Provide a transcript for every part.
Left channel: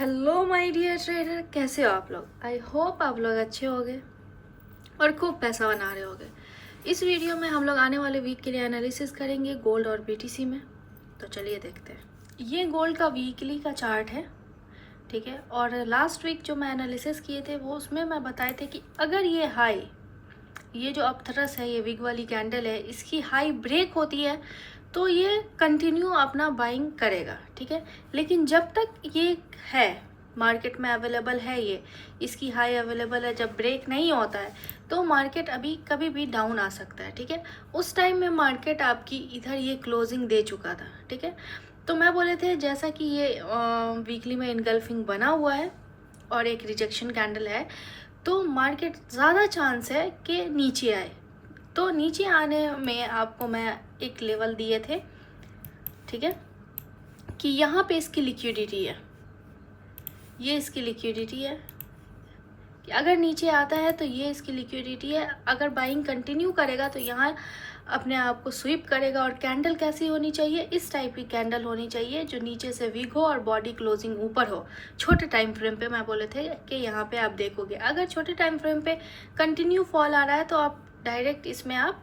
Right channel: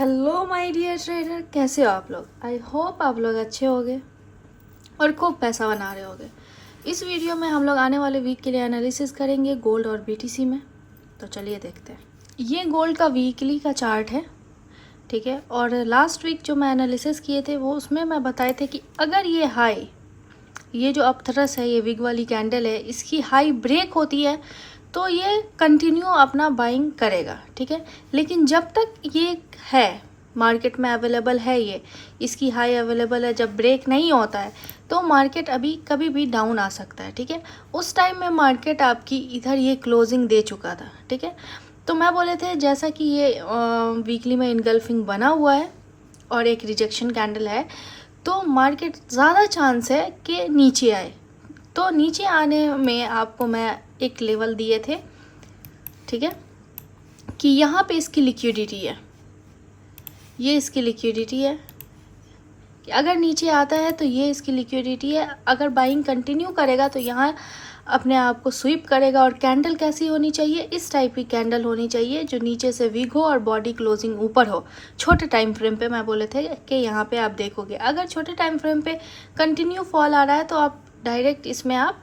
Hello my dear trader, कैसे हो आप लोग। आई होप आप लोग अच्छे होंगे और खूब पैसा बना रहे होंगे। इस वीडियो में हम लोग आने वाले वीक के लिए एनालिसिस करेंगे गोल्ड और बीटीसी में। तो चलिए देखते हैं। ये गोल्ड का वीकली का चार्ट है, ठीक है। और लास्ट वीक जो मैं एनालिसिस किए थे वो उसमें मैं बताए थे कि अगर ये हाई, ये जो अपथरस है, ये विग वाली कैंडल है, इसकी हाई ब्रेक होती है तो ये कंटिन्यू अपना बाइंग करेगा, ठीक है। लेकिन जब तक ये है मार्केट में अवेलेबल है, ये इसकी हाई अवेलेबल है, जब ब्रेक नहीं होता है तो मार्केट अभी कभी भी डाउन आ सकता है, ठीक है। उस टाइम में मार्केट आपकी इधर ये क्लोजिंग दे चुका था, ठीक है। तो मैं बोले थे जैसा कि ये वीकली में इनगल्फिंग बना हुआ है और एक रिजेक्शन कैंडल है, तो मार्केट ज़्यादा चांस है कि नीचे आए। तो नीचे आने में आपको मैं एक लेवल दिए थे, ठीक है, कि यहाँ पे इसकी लिक्विडिटी है, ये इसकी लिक्विडिटी है कि अगर नीचे आता है तो ये इसकी लिक्विडिटी है। अगर बाइंग कंटिन्यू करेगा तो यहाँ अपने आप को स्वीप करेगा। और कैंडल कैसी होनी चाहिए, इस टाइप की कैंडल होनी चाहिए जो नीचे से वीक हो और बॉडी क्लोजिंग ऊपर हो। छोटे टाइम फ्रेम पे मैं बोले थे कि यहाँ पे आप देखोगे, अगर छोटे टाइम फ्रेम पे कंटिन्यू फॉल आ रहा है तो आप डायरेक्ट इसमें आप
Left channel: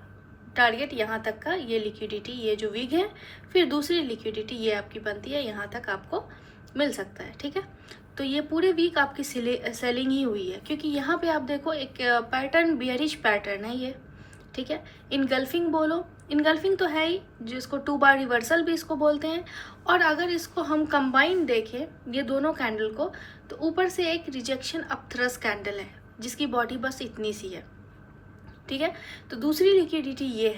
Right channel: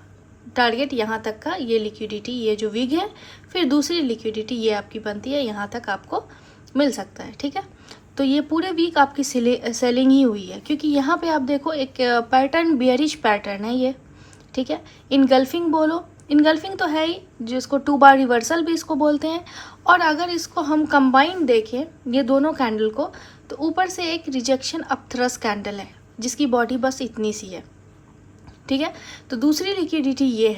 टारगेट यहाँ तक का, ये लिक्विडिटी, ये जो विग है, फिर दूसरी लिक्विडिटी ये आपकी बनती है, यहाँ तक आपको मिल सकता है, ठीक है। तो ये पूरे वीक आपकी सेलिंग ही हुई है, क्योंकि यहाँ पे आप देखो एक पैटर्न, बियरिश पैटर्न है ये, ठीक है। इनगल्फिंग बोलो, इनगल्फिंग तो है ही, जिसको 2 बार रिवर्सल भी इसको बोलते हैं। और अगर इसको हम कंबाइन देखें ये दोनों कैंडल को, तो ऊपर से एक रिजेक्शन अपथ्रस कैंडल है जिसकी बॉडी बस इतनी सी है, ठीक है। तो दूसरी लिक्विडिटी ये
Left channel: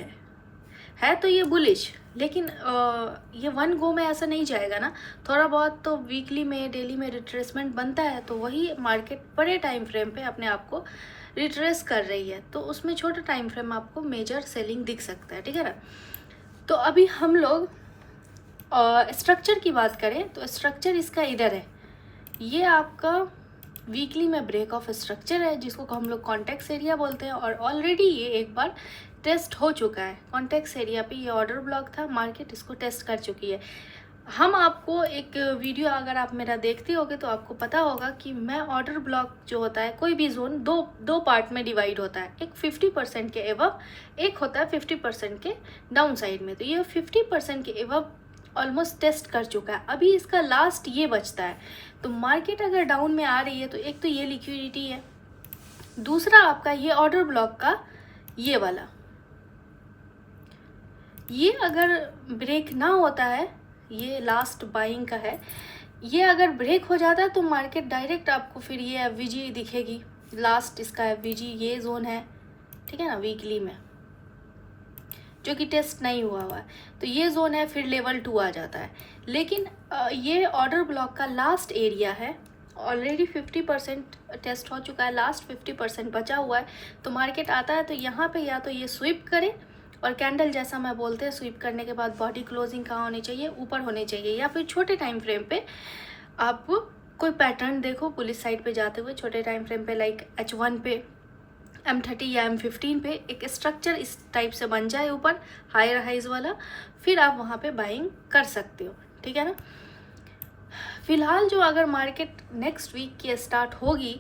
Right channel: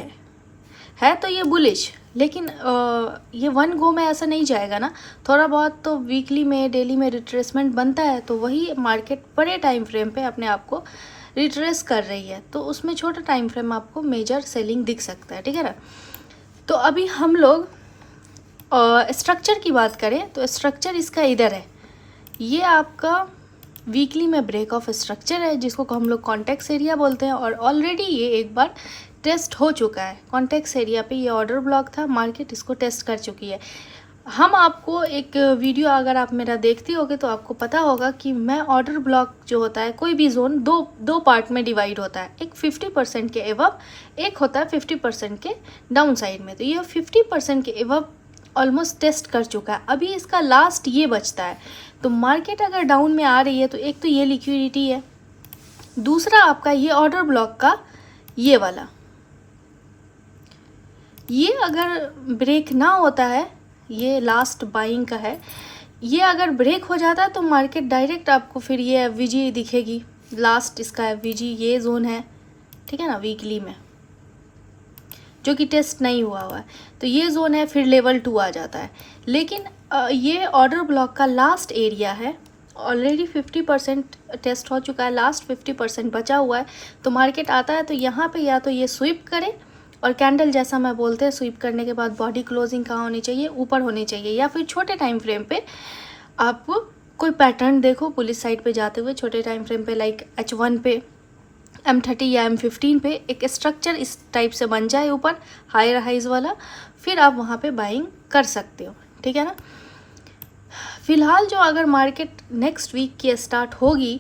है तो ये बुलिश, लेकिन ये वन गो में ऐसा नहीं जाएगा ना, थोड़ा बहुत तो वीकली में, डेली में रिट्रेसमेंट बनता है। तो वही मार्केट बड़े टाइम फ्रेम पे अपने आप को रिट्रेस कर रही है, तो उसमें छोटा टाइम फ्रेम आपको मेजर सेलिंग दिख सकता है, ठीक है ना। तो अभी हम लोग स्ट्रक्चर की बात करें तो स्ट्रक्चर इसका इधर है, ये आपका वीकली में ब्रेक ऑफ स्ट्रक्चर है जिसको हम लोग कॉन्टेक्स एरिया बोलते हैं। और ऑलरेडी ये एक बार टेस्ट हो चुका है कॉन्टेक्स एरिया पे, ये ऑर्डर ब्लॉक था, मार्केट इसको टेस्ट कर चुकी है। हम आपको एक वीडियो अगर आप मेरा देखते होगे तो आपको पता होगा कि मैं ऑर्डर ब्लॉक जो होता है, कोई भी जोन दो पार्ट में डिवाइड होता है, एक 50% के एवब, एक होता है 50% के डाउन साइड में। तो ये 50% के एवब ऑलमोस्ट टेस्ट कर चुका है, अभी इसका लास्ट ये बचता है। तो मार्केट अगर डाउन में आ रही है तो एक तो ये लिक्विडिटी है, दूसरा आपका ये ऑर्डर ब्लॉक का ये वाला, ये अगर ब्रेक ना होता है, ये लास्ट बाइंग का है, ये अगर ब्रेक हो जाता है तो मार्केट डायरेक्ट आपको फिर ये एफवीजी दिखेगी, लास्ट इसका एफवीजी ये जोन है, ठीक है ना, वीकली में जो कि टेस्ट नहीं हुआ है, तो ये जोन है, फिर लेवल 2 आ जाता है। लेकिन ये ऑर्डर ब्लॉक का लास्ट एरिया है, ऑलरेडी 50% टेस्ट हो चुका है, लास्ट 50% बचा हुआ है। तो मार्केट आता है तो यहाँ पे या तो ये स्वीप करे, और कैंडल जैसा मैं बोलते हैं स्वीप करने के बाद बॉडी क्लोजिंग कहाँ होनी चाहिए, ऊपर होनी चाहिए। या फिर छोटे टाइम फ्रेम पे आप कोई पैटर्न देखो पुलिस साइड पे जाते हुए, छोटे टाइम फ्रेम पे लाइक H1 पे, M30 या M15 पे एक स्ट्रक्चर इस टाइप से बन जाए ऊपर, हाई हाइज वाला, फिर आप वहाँ पे बाइंग कर सकते हो, ठीक है ना। फिलहाल जो अगर मार्केट नेक्स्ट वीक की स्टार्ट होगी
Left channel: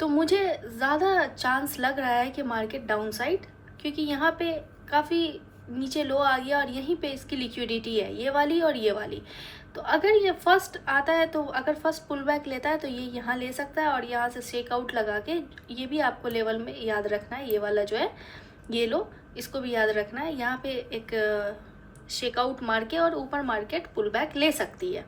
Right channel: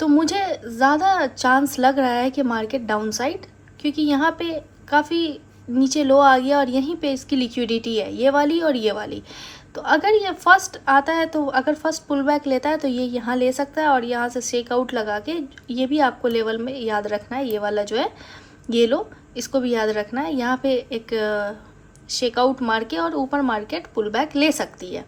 तो मुझे ज़्यादा चांस लग रहा है कि मार्केट डाउन साइड, क्योंकि यहाँ पे काफ़ी नीचे लो आ गया और यहीं पे इसकी लिक्विडिटी है, ये वाली और ये वाली। तो अगर ये फर्स्ट आता है, तो अगर फर्स्ट पुल बैक लेता है तो ये यहाँ ले सकता है, और यहाँ से शेक आउट लगा के, ये भी आपको लेवल में याद रखना है, ये वाला जो है ये लो, इसको भी याद रखना है। यहाँ पे एक शेक आउट मार के और ऊपर मार्केट पुल बैक ले सकती है।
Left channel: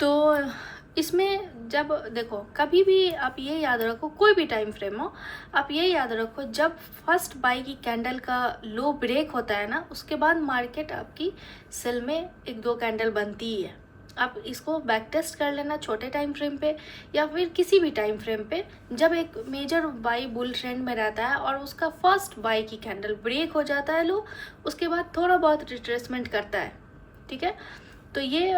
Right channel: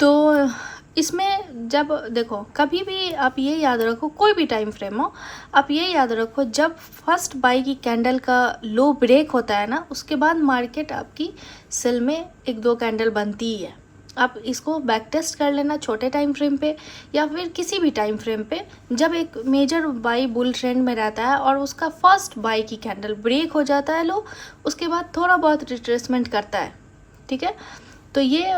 तो इसमें जब देखो, कभी भी आप ये याद रखो, कोई भी टाइम फ्रेम हो, आप ये याद रखो, जब फर्स्ट बाई की कैंडल का लो ब्रेक होता है ना, उसके बाद मार्केट आपकी सेल में 1-2 कैंडल बनती ही है। आप इसको बैक टेस्ट कर लेना छोटे टाइम फ्रेम पे या फिर किसी भी टाइम फ्रेम पे, जब एक मेजर बाई बुल ट्रेंड में रहता है और उसका फर्स्ट बाई की कैंडल ब्रेक हो जाता है लो, उसके बाद थोड़ा बहुत रिट्रेसमेंट करता है, ठीक है। तो ये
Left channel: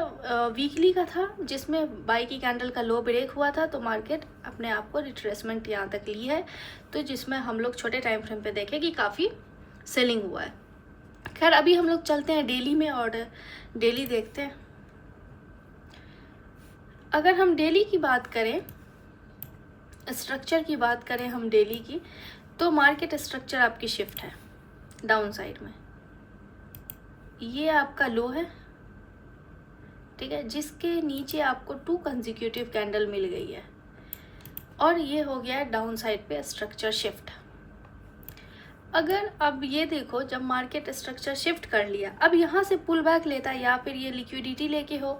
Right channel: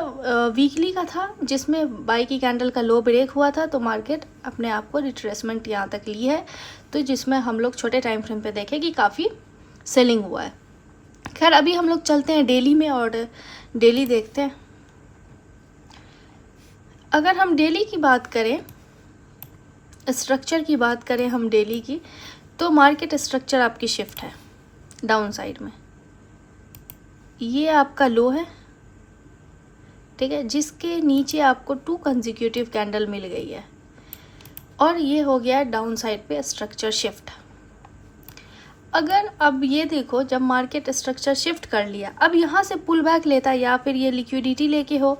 वीकली का था जिसमें बाई की कैंडल का लो ब्रेक हुआ था, तो मार्केट अपने आप को रिट्रेसमेंट यहाँ तक ली है, तो जिसमें हम लोग छोटे टाइम फ्रेम पे देखें कि काफ़ी सेलिंग हुआ है। खैर अभी हम लोग चलते हैं डेली में और डेली देखते हैं। अगर हम डेली की बात करें, स्ट्रक्चर की बात करें हम डेली की, तो मार्केट स्ट्रक्चर आपकी शिफ्ट है डाउन साइड में। ये आपका लो है, ठीक है, जिसके नीचे आपको 2 कंसेक्यूटिव कैंडल मिल गई है, और ये हो गया डाउन साइड पे स्ट्रक्चर शिफ्ट। अगर अब ये देखो, जब मार्केट स्ट्रक्चर शिफ्ट कर लिया, अब यहाँ से पुल बैक लेता है, या फिर ये लिक्विडिटी लेके हो,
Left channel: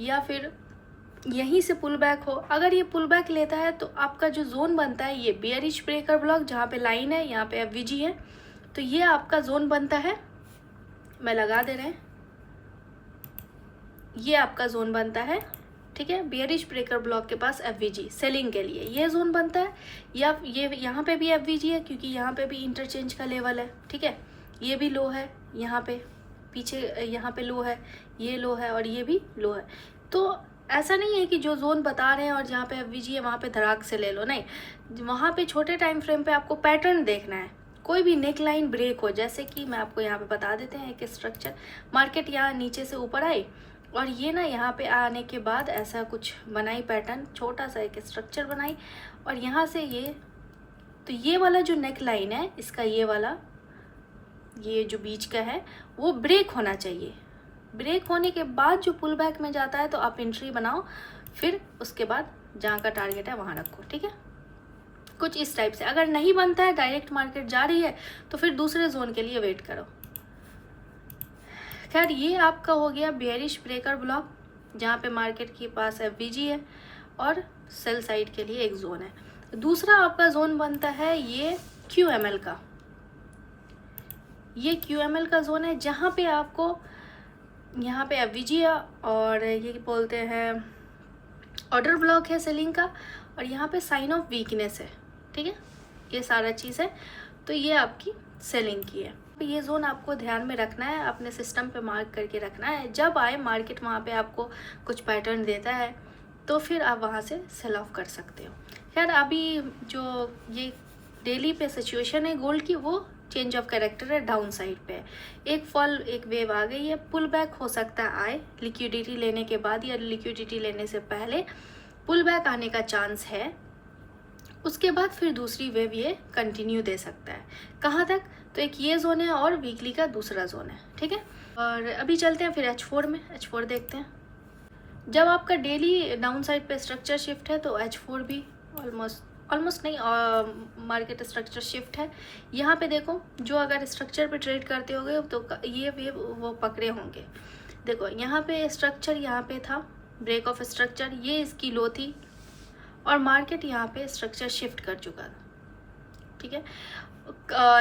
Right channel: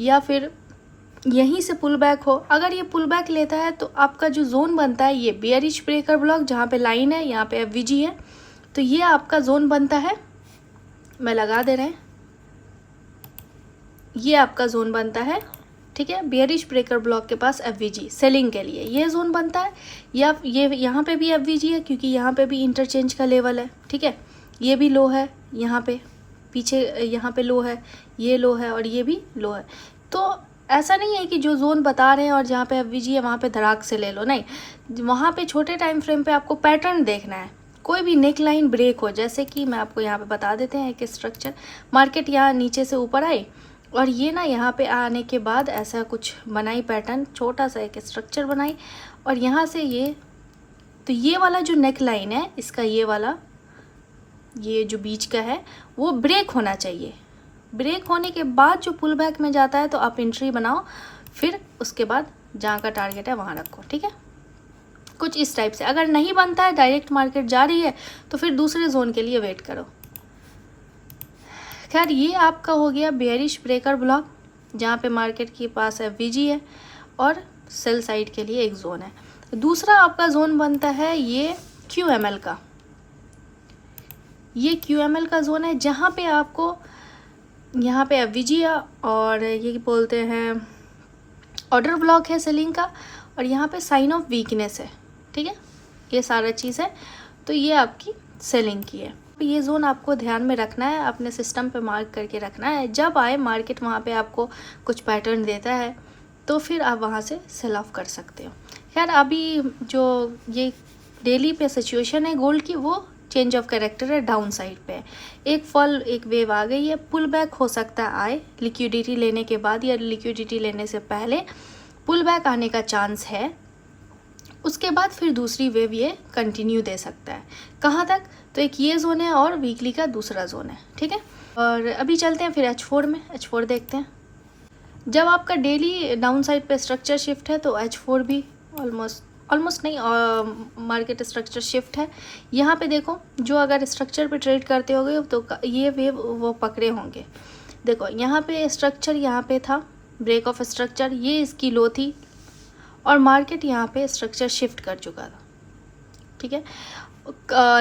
या फिर यहीं से पुल बैक हो, अगर ये पुल बैक लेता है तो आपका जो जोन बनता है ये बेयरिश ब्रेकर ब्लॉक, जहाँ पे लाइन है, यहाँ पे एफवीजी है, तो ये आपका जोन बनता है, मैं लगा दे रहे हैं, ये आपका जोन बनता है, ठीक है, बेयरिश ब्रेकर ब्लॉक के पास एफवीजी सेलिंग के लिए ये जोन बनता है, या ये यहाँ पे भी एफवीजी है क्योंकि यहाँ पे भी इंटरचेंज का लेवल है, ठीक है, ये भी लो है, यहाँ पे पीछे यहाँ पे लो है, ये लो है, और ये भी लो है। तो ऐसा नहीं है कि जो जोन बता रहे हैं और जहाँ पे एफवीजी है वहाँ पे धड़ाक से ले लो, नहीं, वहाँ पे छोटे टाइम फ्रेम पे आपको पैटर्न देखना है। कोई भी नेक लाइन ब्रेक हो, जैसे कि मैं आपको यहाँ पे बता देते हैं कि स्ट्रक्चर मार्केट यहाँ नीचे से ऊपर आई, और ये ना यहाँ पे आने के बाद ऐसा कुछ बनाई पैटर्न, छोटा सा एक स्ट्रक्चर बनाई, और यहाँ से ये, तो ये वाला जो नेक लाइन है इसका, ये वाला, ये जो बीच का है वो ब्रेक होना चाहिए। ब्रेक होने के बाद जो पुल बैक में जाता है तो आप एंट्री बनाओ, फिर उसके बाद जहाँ का टारगेट है वहाँ रखो, ठीक है, कुछ इस टाइप से। अगर नहीं बनता है, डायरेक्ट मार्केट जा रही है, तो फिर दूसरे जोन के लिए वेट करो। खैर, ये आपका हो गया बेयरिश ब्रेकर ब्लॉक, जहाँ पे मार्केट के पास एफवीजी है और सेल साइड के लिए एक जोन है। दूसरा आपका जोन बनता है ये QML का, ये QML का जोन है, जहाँ पे आपको यहाँ पे एफवीजी है, और ये बोलते हैं ऑर्डर ब्लॉक है सेलिंग का, और यहाँ पे साइन ऑफ वीकनेस है, ठीक है, ये सारा चीज़ है। तो ये आपकी सेलिंग की है। ये जोन आपको ध्यान में रखना है, अपने सिस्टम पे मार्क करके रखना है। जब आए मार्केट वहाँ पे आपको कुछ पैटर्न देता है तो फिर आप वहाँ से सेल ऑफ कर सकते हो। खैर, अभी जो ये डेली पे सिचुएशन है गोल्ड की, वो चेंज ऑफ कैरेक्टर है, डाउन साइड पे एक फॉल, एक वेव आ गई है, पुल बैक हो सकता है आए लिक्विडिटी लेने के बाद या लिक्विडिटी लेने से पहले पुल बैक आने का चांस है। उसके बाद फिर दूसरी वेव ये कंटिन्यू दे सकता है। कहाँ तक? तो एक ये जोन है और वीकली का दूसरा जोन है, ठीक है। और अभी चलते हैं फिर H4 में, H4 देखते हैं। जब आपका डेली डाउन साइड पे स्ट्रक्चर शिफ्ट है तो H4 भी ऑलमोस्ट नहीं, मार्केट स्ट्रक्चर शिफ्ट है। यहाँ पे देखो, जो अगर स्ट्रक्चर पे ट्रेड करते होगे तो ये वेव वो पकड़े होंगे। देखो यहाँ पे स्ट्रक्चर, यहाँ पे था ब्रेक ऑफ स्ट्रक्चर, ये इसकी लो थी, और मार्केट यहाँ पे स्ट्रक्चर शिफ्ट कर चुका था, ठीक है।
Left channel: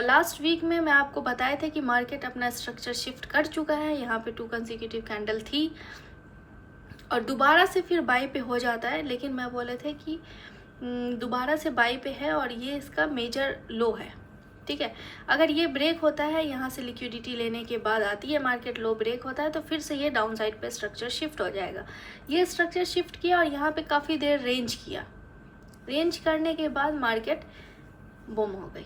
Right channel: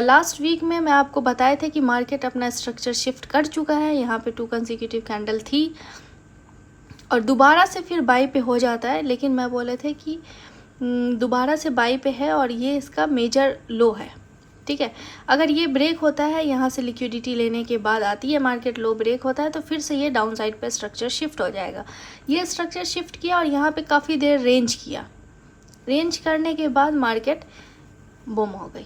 लास्ट वीक में मैं आपको बताए थे कि मार्केट अपना स्ट्रक्चर शिफ्ट कर चुका है। यहाँ पे 2 कंसेक्यूटिव कैंडल थी और दोबारा से फिर बाई पे हो जाता है, लेकिन मैं बोले थे कि दोबारा से बाई पे है और ये इसका मेजर लो है, ठीक है। अगर ये ब्रेक होता है, यहाँ से लिक्विडिटी लेने के बाद आती है मार्केट, लो ब्रेक होता है, तो फिर से ये डाउन साइड पे स्ट्रक्चर शिफ्ट हो जाएगा। ये स्ट्रक्चर शिफ्ट किया और यहाँ पे काफ़ी देर रेंज किया, रेंज करने के बाद मार्केट बूम हो गई।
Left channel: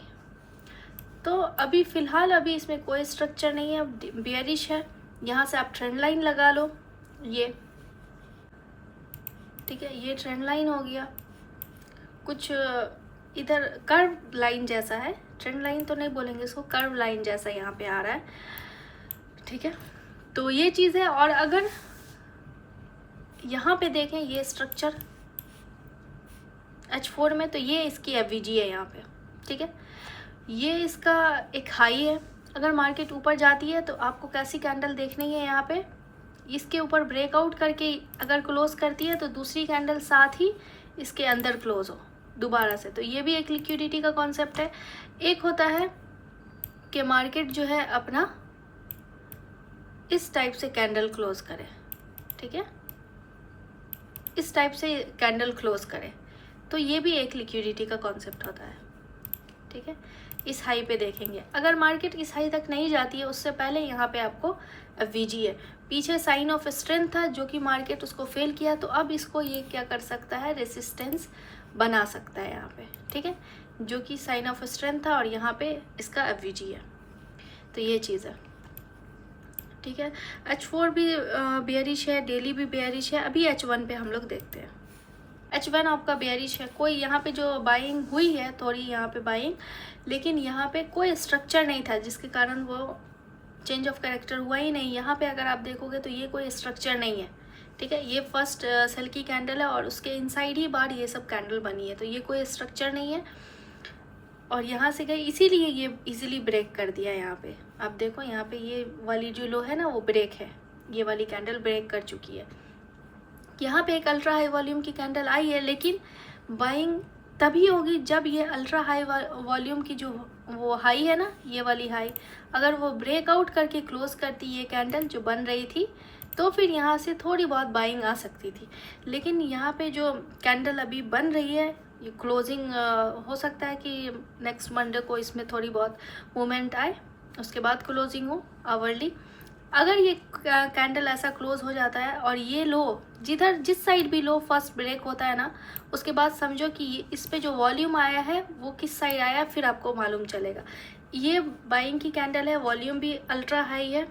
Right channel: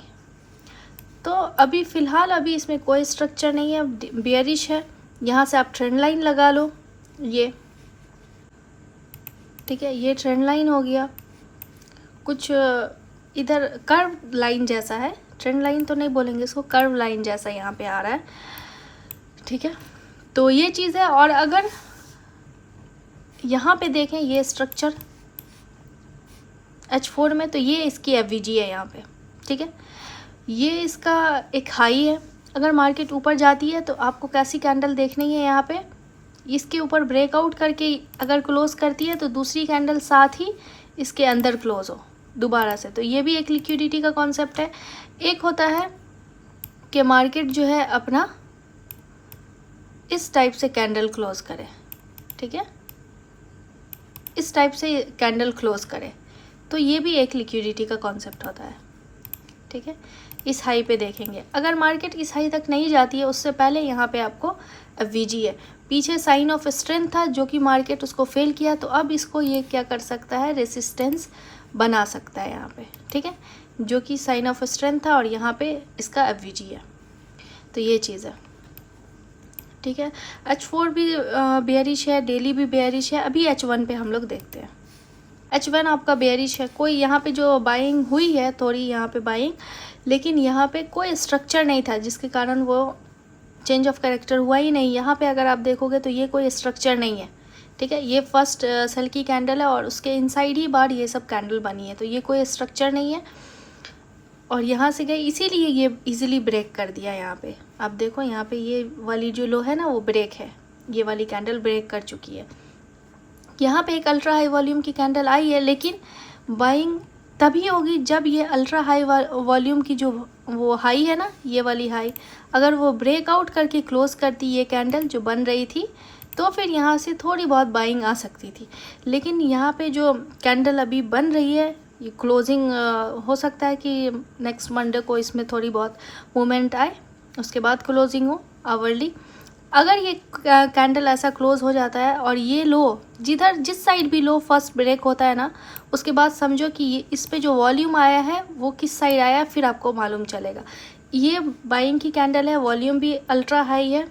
तो अभी फ़िलहाल अभी इसमें कोई स्ट्रक्चर नहीं है, बेयरिश है। यहाँ से आप ट्रेंड लाइन लगा लो, ये ठीक है, ये ट्रेंड लाइन हो गया। कुछ इधर कर्व लाइन जैसा है, ट्रेंड लाइन तो नहीं बोलेंगे इसको, कर्व लाइन जैसा यहाँ पे आ रहा है, ठीक है। तो ये चीज़ है। और अगर यहाँ पे देखें ये स्ट्रक्चर H4 में, तो ये इसकी एफवीजी है यहाँ पे, ठीक है। ये इसका एक हाई है। अगर मार्केट ऊपर जाती है तो आपको कैसी कैंडल देखनी है, यहाँ पे इसके ऊपर ब्रेकआउट करके अगर क्लोज करती है तो दूसरी कैंडल साथ ही इसके अंदर क्लोज हो दोबारा से। तो ये भी एक लिक्विडिटी का कॉन्सेप्ट है। एक होता है कि मार्केट जो है अपना इस टाइप से कैंडल क्लोज करे, ठीक है, इस टाइप से कैंडल क्लोज करे, तो ये भी एक लिक्विडिटी का कॉन्सेप्ट होता है, ठीक है। इस हाई पे देखेंगे, अगर मार्केट इस हाई तक नहीं जाती है, उससे पहले यहाँ पे आपको एफवीजी है, पीछे साइन ऑफ स्ट्रेंथ था जो कि मार्केट उसको फेल किया, तो अब इसको ये क्या कर सकता है, रेसिस्टेंस बना सकता है यहाँ पे, ठीक है, जो कि साइन ऑफ स्ट्रेंथ था और यहाँ पे इसका एफवीजी है। तो ये चीज़ है। ठीक है। H4 भी बेयरिश है, डेली भी बेयरिश है। अभी H1 पे हम लोग देखते हैं। H1 आपका बेयरिश है। कोई यहाँ पे जो बाइंग हुई है थोड़ी यहाँ पे बाइंग, लेकिन यहाँ पे कोई स्ट्रक्चर नहीं था जिसके कारण वो चेंज ऑफ कैरेक्टर हुआ ही नहीं। यहाँ पे अगर आप देखोगे तो ये कोई स्ट्रक्चर नहीं है, ठीक है। ये फर्स्ट सेल की कैंडल है और उसके इनसाइड ही बार ये सब कैंडल बनी है, तो ये कोई स्ट्रक्चर नहीं है। और यहाँ से गए इसीलिए ये इजीली ब्रेक कर दिया। यहाँ पे आप देखो, यहाँ पे ये वाली जो लो है ना वो ब्रेक है, ये वाली कैंडल ब्रेक कर चुकी है। यहाँ पे एक अल्ट्रा हाई वॉल्यूम की कैंडल आई है, लेकिन बाइंग तभी होगी जब ये अल्ट्रा हाई वॉल्यूम की जो वो हाई है ना, ये वाली हाई, अगर वो ब्रेकआउट करके क्लोज करती ये कैंडल जो बन रही थी, तो फिर यहाँ से थोड़ी बहुत बाइंग आ सकती थी। लेकिन यहाँ पे जो कैंडल अभी बन रही है, ये क्लोजिंग हो सकता है कि नेक्स्ट मंडे को इसमें थोड़ी बहुत मूवमेंट आए, उसके बाद क्लोजिंग हो आवरली। अगर ये कैंडल ऐसा क्लोज हो जाता है और ये लो जिस साइड भी लो फर्स्ट ब्रेक होता है ना, उसके बाद समझो कि इस पे जो वॉल्यूम आया है वो किस साइड आया है, फिर आपको मालूम चलेगा। ये बाइंग की कैंडल है, वॉल्यूम भी अल्ट्रा हाई है,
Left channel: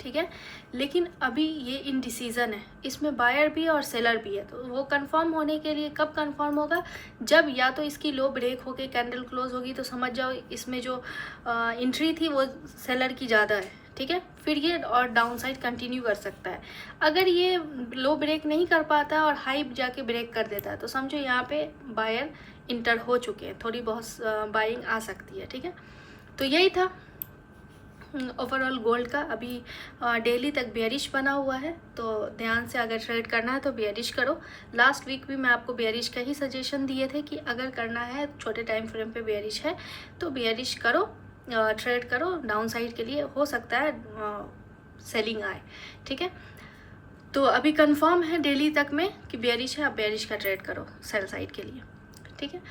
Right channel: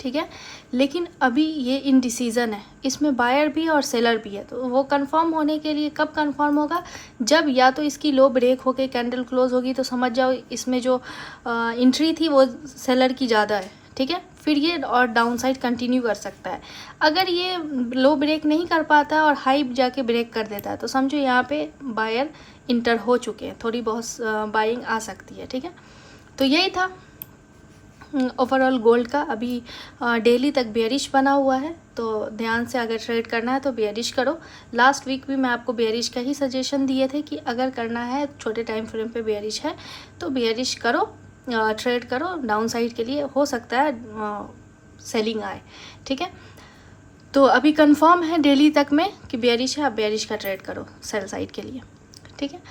ठीक है। लेकिन अभी ये इनडिसीजन है, इसमें बायर भी और सेलर भी है। तो वो कंफर्म होने के लिए कब कंफर्म होगा, जब या तो इसकी लो ब्रेक होके कैंडल क्लोज होगी, तो समझ जाओ इसमें जो एंट्री थी वो सेलर की ज़्यादा है, ठीक है। फिर ये और डाउन साइड कंटिन्यू कर सकता है। अगर ये लो ब्रेक नहीं कर पाता और हाई जाके ब्रेक कर देता है, तो समझो यहाँ पे बायर इंटर हो चुके हैं, थोड़ी बहुत बाइंग आ सकती है, ठीक है। तो यही था ओवरऑल गोल्ड का। अभी डेली तक बेयरिश बना हुआ है, तो ध्यान से अगर ट्रेड करना है तो बेयरिश करो। लास्ट वीक भी मैं आपको बेयरिश का ही सजेशन दिए थे कि अगर करना है, छोटे टाइम फ्रेम पे बेयरिश है तो बेयरिश करो, ट्रेड करो। डाउन साइड के लिए हो सकता है सेलिंग आए, ठीक है। तो अभी कंफर्म है डेली तक में कि बेयरिश है, अब बेयरिश का ट्रेड करो सेल साइड के लिए, ठीक है।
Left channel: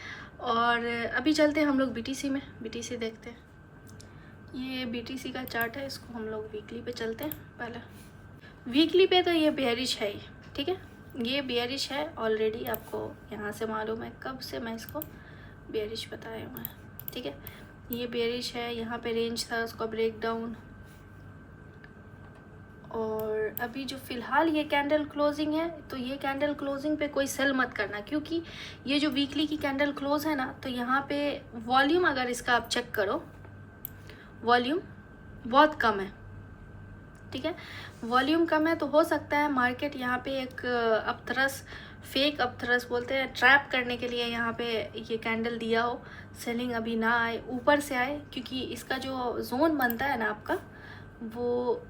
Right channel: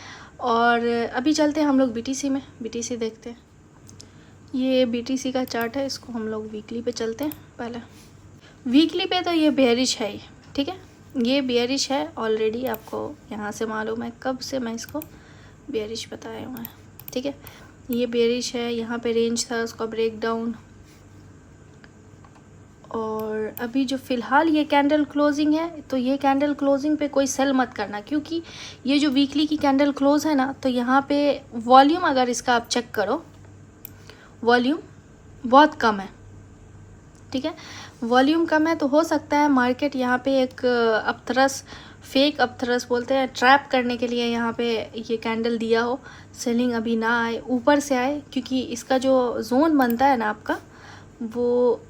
और अभी चलते हैं हम लोग बीटीसी में, बीटीसी देखते हैं। ये बीटीसी का चार्ट है, इसको हम लोग वीकली पे चलते हैं। पहले वीकली पे तो ये बेयरिश है ही, ठीक है। ये बेयरिश है ऑलरेडी, आपको यहाँ से मालूम है कब से मैं इसको बेयरिश बताया हुआ है, ठीक है। ये बेयरिश है, यहाँ पे रेंज था उसका ब्रेक डाउन। और अभी जो फ़िलहाल ये कैंडल क्लोजिंग है, तो ये कैंडल क्लोजिंग पे कोई सेल मत करना, क्योंकि ये जो वीकली की कैंडल क्लोज है ना, तो यहाँ पे वॉल्यूम अगर इसका आप चेक करो, वॉल्यूम बहुत कम है, ठीक है। वॉल्यूम कम है तो हो सकता है मार्केट यहाँ पे एक अपथरस, फेक अपथरस बोलते हैं, ट्रैप करने के लिए यहाँ पे ये कैंडल दिया हो, सेलिंग अभी ना आए, ऊपर से आए, क्योंकि इसका जो जोन बनता है ना आपका, वो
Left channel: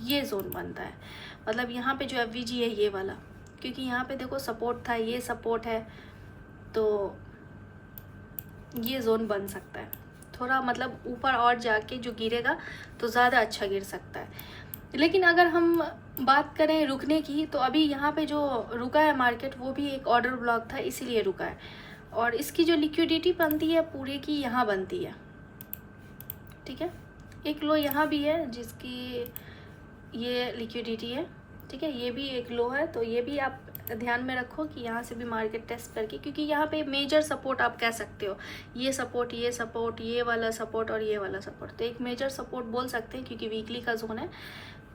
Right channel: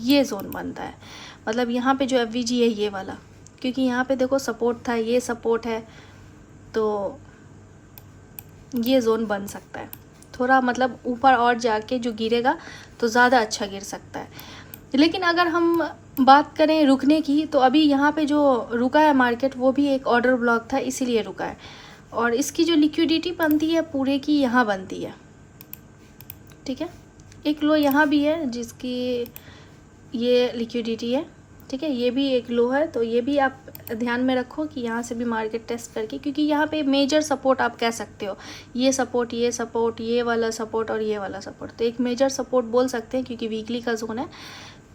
ये जोन बनता है। मतलब यहाँ पे जो एफवीजी है ये वाला, क्योंकि यहाँ पे देखो सपोर्ट था, ये सपोर्ट है, तो ये जोन बन सकता है थोड़ा, मतलब ऊपर और जाके जो गिरेगा तो ज़्यादा अच्छा गिर सकता है। लेकिन अगर हम बात करें रुकने की, तो अभी यहाँ पे जो रुका है मार्केट, वो भी एक ऑर्डर ब्लॉक था इसीलिए रुका है। और इसकी जो लिक्विडिटी बनती है पूरे की यहाँ बनती है, ठीक है। एक लो यहाँ भी है जिसकी ये लिक्विडिटी है, ठीक है। ये भी एक लो है, तो ये भी आप ध्यान में रखो कि यहाँ से भी मार्केट टेस्ट करके, क्योंकि यहाँ पे मेजर सपोर्ट आप कह सकते हो, ये सपोर्ट, ये सपोर्ट, ये वाला सपोर्ट और ये वाला सपोर्ट, तो एक मेजर सपोर्ट बोल सकते हैं, क्योंकि वीकली का जोन है।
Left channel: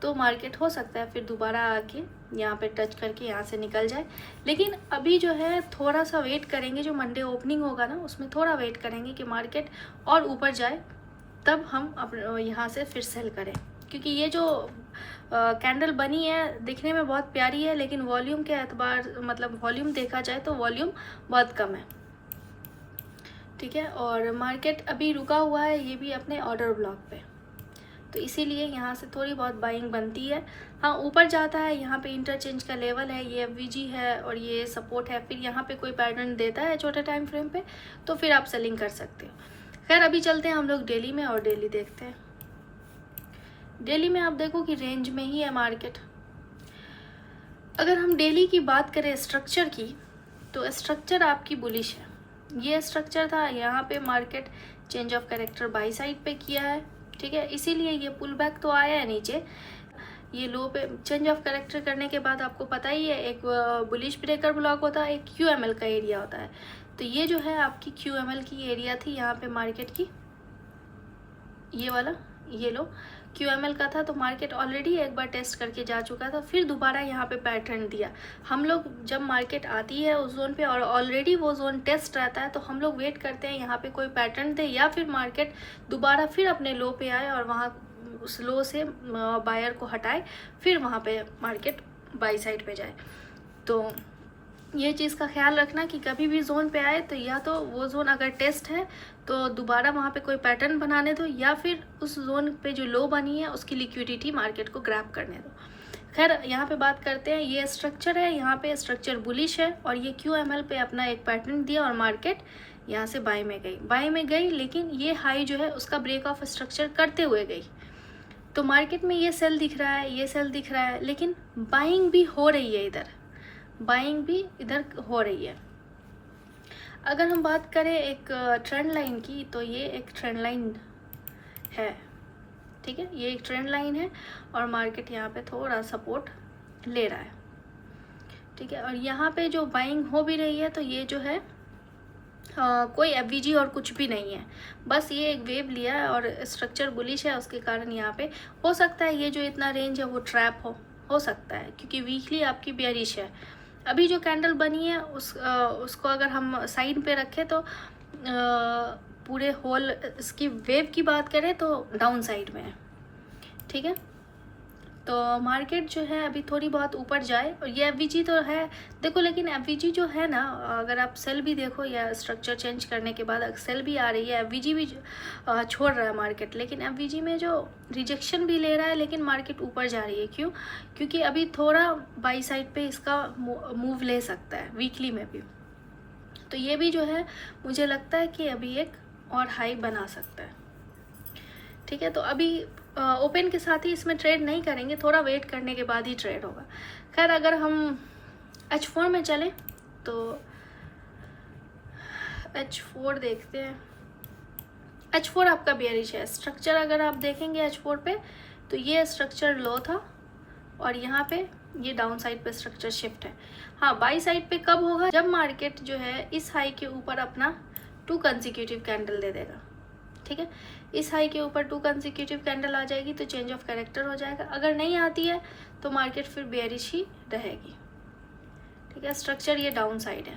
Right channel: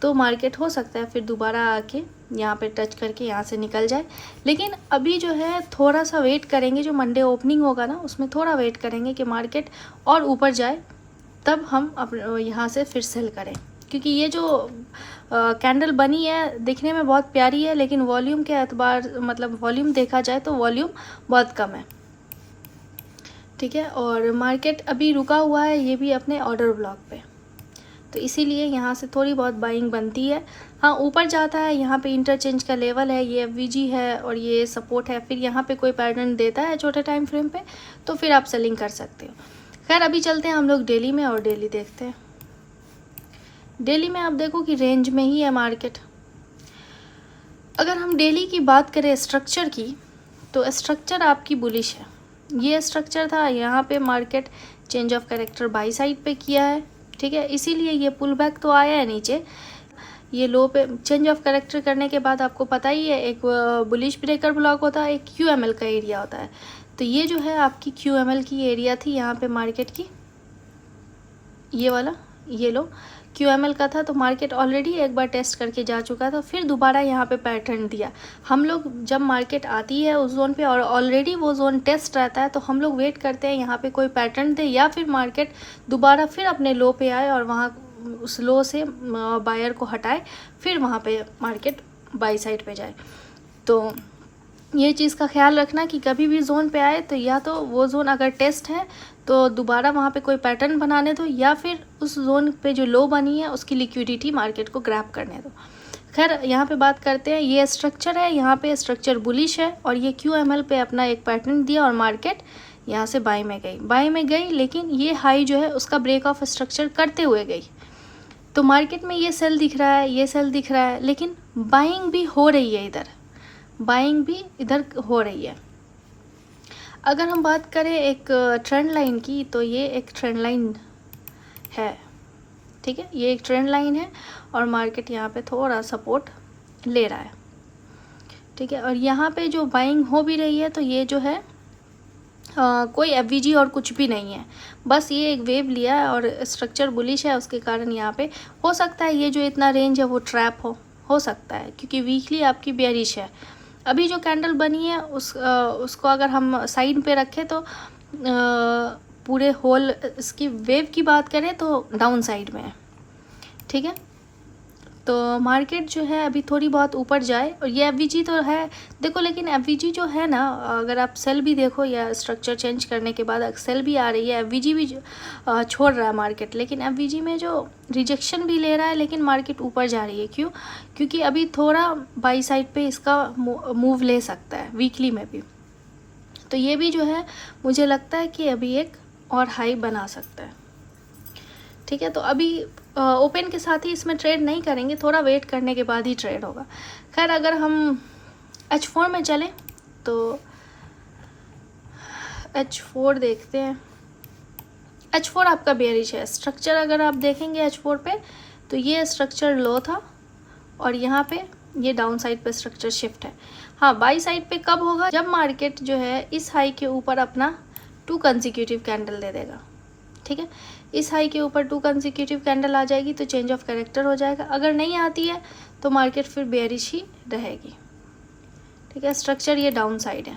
तो मार्केट हो सकता है फिर दोबारा आके यहाँ पे टच करके यहाँ से निकल जाए। लेकिन अभी जो है थोड़ा सा वेट करेंगे, जो मंडे ओपनिंग होगा ना उसमें थोड़ा वेट करेंगे कि मार्केट और ऊपर जाए, तब हम अपने यहाँ से फिर सेल करें। क्योंकि ये जो कैंडल बनी है दिखने में बहुत प्यारी है, लेकिन वॉल्यूम के एतबार, मतलब वॉल्यूम देखा जाए तो वॉल्यूम बहुत कम है, ठीक है। और मार्केट अभी रुका हुआ है, ये भी अपने ऑर्डर ब्लॉक पे, तो इसीलिए यहाँ से थोड़ी बहुत बाइंग बनती है। हाँ, ऊपर जाता है, यहाँ पे इंटरचेंज का लेवल है, ये एफवीजी है और ये सपोर्ट है, फिर यहाँ पे कोई पैटर्न देता है छोटे टाइम फ्रेम पे, तो फिर आप सेलिंग कर सकते हो। खैर अभी चलते हैं हम लोग डेली में और डेली देखते हैं। डेली में आप देखो कि रेंज में ही है मार्केट। अगर हम डेली की बात करें स्ट्रक्चर की, तो स्ट्रक्चर आपकी बुलिश है। ये स्ट्रक्चर था, यहाँ पे market change of character by side पे किया है, ठीक है। इसीलिए ये पुल बैक तो आया है नीचे, ये लो पे चेंज ऑफ कैरेक्टर करने के बाद आपको पता ही है एक बुलिश ब्रेकर ब्लॉक होता है, एक क्यूएमएल का एरिया होता है। तो ये जो है आपकी क्यूएमएल की एरिया थी यहाँ पे मार्केट की, ये वाला, ये लो QML का था, तो मार्केट ऑलरेडी एक बार टेस्ट करके जा चुका था, फिर दोबारा यहाँ पे पैटर्न दिया। हम लोग जब मार्केट आती है उस जोन पे और ऑलरेडी वो जोन टेस्ट रहता है, तो हम लोग वेट करते हैं यहाँ पे कोई पैटर्न दे या फिर मार्केट दोबारा फिर अपने लो पे आए और वहाँ उस लो से बायर को हटाए, फिर वहाँ पे मार्केट बाई साइड पे जाए। तो ये चीज़ का ख्याल रखना कि कभी भी जोन पे आए तो या तो वो जोन अगर टेस्ट है तो दोबारा वहाँ पे कोई पैटर्न बनाने दो, या फिर उस जोन पे जो लो बनी है उसकी लिक्विडिटी मार्केट को ग्रैब करने दो। खैर यहाँ पे बात करते हैं, ये स्ट्रक्चर है, यहाँ पे स्ट्रक्चर बुलिश है और ये QML पे अपना एक पैटर्न दिया और मार्केट यहाँ से बाई में गई, लेकिन ये हाई जो है उसका ब्रेक ऑफ स्ट्रक्चर करते हुए गई। तो मार्केट में ये सेल दिख रहा है, ये सेल दिख रहा है, लेकिन बाइंग भी हो रही है, बाइंग भी इधर हो रही है। अगर हम बात करें एक ट्रेंड लाइन की, तो ये एक ट्रेंड लाइन है, ठीक है, ये एक ट्रेंड लाइन है और मार्केट यहाँ पे थोड़ा सपोर्ट ले रहा है, ठीक है। और यहाँ पे जो बाइंग हो भी रही है, तो ये जो है कोई FVG और कुछ भी नहीं है, बस ये एक वेव लिया है और स्ट्रक्चर बुलिश है, उसके कारण यहाँ पे हो सकता है ये जो इतना रेंज है वो ट्रैप हो सकता है, क्योंकि वीकली आपकी बेयरिश है। अभी जो कैंडल बनी है उसको अगर हम साइड पे रखें तो पूरे होल इसकी वेव की बात करें तो डाउन साइड में है, ठीक है। तो मार्केट जो है अभी थोड़ी बहुत ऊपर जाए, और ये FVG तो है देखो, लेकिन FVG जो है ना, अगर आप सेल भी देखो या स्ट्रक्चर चेंज करने के बाद सेल भी आ रही है, FVG भी छोड़ रहा है मार्केट, लेकिन FVG में जो रिजेक्शन भी ले रहा है, लेकिन मार्केट ऊपर जा रही है। क्यों? क्योंकि अभी थोड़ा बाई साइड पे इसका मूव ले सकता है वीकली में भी। तो ये भी जो है मुझे लगता है कि अभी एक और हाई बना सकता है, ठीक है। तो अभी ओपन के साथ ही इसमें ट्रेड नहीं करेंगे, थोड़ा वेट करने के बाद ही ट्रेड होगा। खैर अगर हम H4 में चलें तो H4 देखते हैं। H4 आपका बेयरिश है स्ट्रक्चर, अगर आप देखेंगे H4 पे तो ये स्ट्रक्चर लो था और यहाँ पे ये डाउन साइड पे स्ट्रक्चर शिफ्ट है। हाँ, बाई साइड पे कब होगा? जब मार्केट जो है इस हाई के ऊपर अपना 2 कंसेक्यूटिव कैंडल दे देगा, ठीक है। इस हाई के ऊपर 2 कंसेक्यूटिव कैंडल आ जाएगी तो चेंज ऑफ कैरेक्टर हो जाएगा। अगर नहीं आती है तो मार्केट फिर बेयरिश ही रहेगी, ठीक है। स्ट्रक्चर ये डाउन साइड है,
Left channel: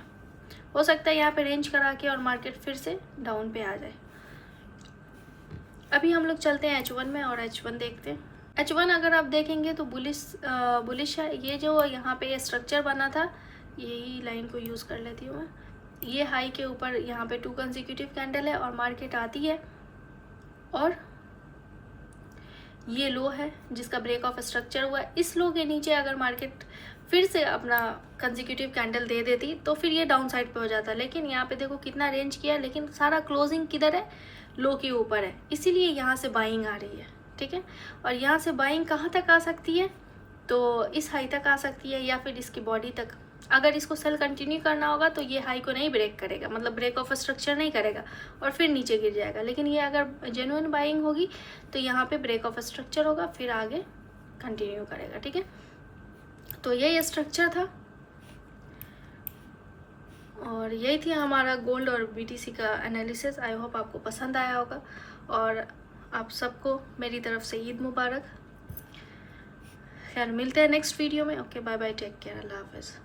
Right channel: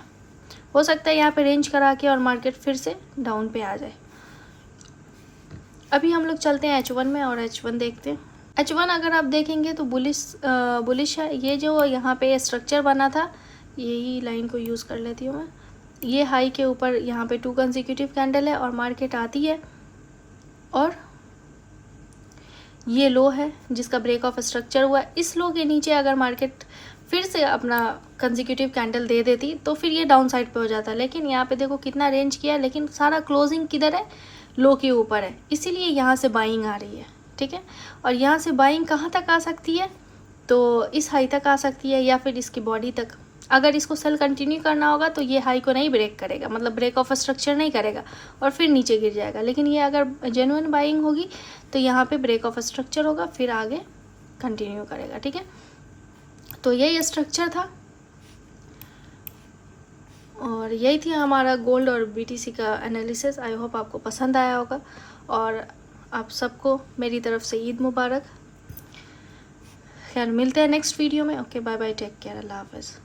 हो सकता है यहाँ पे रेंज करा के और मार्केट फिर से डाउन पे आ जाए। अभी हम लोग चलते हैं H1 में और H1 देखते हैं। H1 अगर आप देखेंगे तो बुलिश है। ये जो यहाँ पे स्ट्रक्चर बना था, यही लाइन को यूज़ कर लेती हूँ मैं, ये हाई के ऊपर यहाँ पे 2 कंसेक्यूटिव कैंडल है और मार्केट आती है और ये लो है जिसका ब्रेक ऑफ स्ट्रक्चर हुआ। इस लो के नीचे अगर मार्केट फिर से अपना कंसेक्यूटिव कैंडल दे देती तो फिर ये डाउन साइड पे हो जाता, लेकिन यहाँ पे देखो कितना रेंज किया है, लेकिन सारा क्लोजिंग किधर है? लो के ऊपर है, इसीलिए यहाँ से बाइंग आ रही है, ठीक है। और यहाँ से बाइंग कहाँ तक आ सकती है? तो इस हाई तक आ सकती है या फिर इसकी बॉडी तक। अगर इसको सेल कंटिन्यू करना होगा तो ये हाई को नहीं ब्रेक करेगा, मतलब ब्रेक ऑफ स्ट्रक्चर नहीं करेगा और फिर नीचे गिर जाएगा। लेकिन ये अगर जेन्युइन बाइंग होगी तो यहाँ पे ब्रेक ऑफ स्ट्रक्चर होगा, फिर आगे कंटिन्यू करेगा, ठीक है। तो यही स्ट्रक्चर था और यही थी हमारा गोल्ड और BTC का एनालिसिस। आई होप आपको पसंद आया होगा और आप सबको मेरी तरफ से ईद मुबारक। खैर मिलते हैं नेक्स्ट वीडियो में। Okay, bye bye, take care, अल्लाह हाफ़िज़।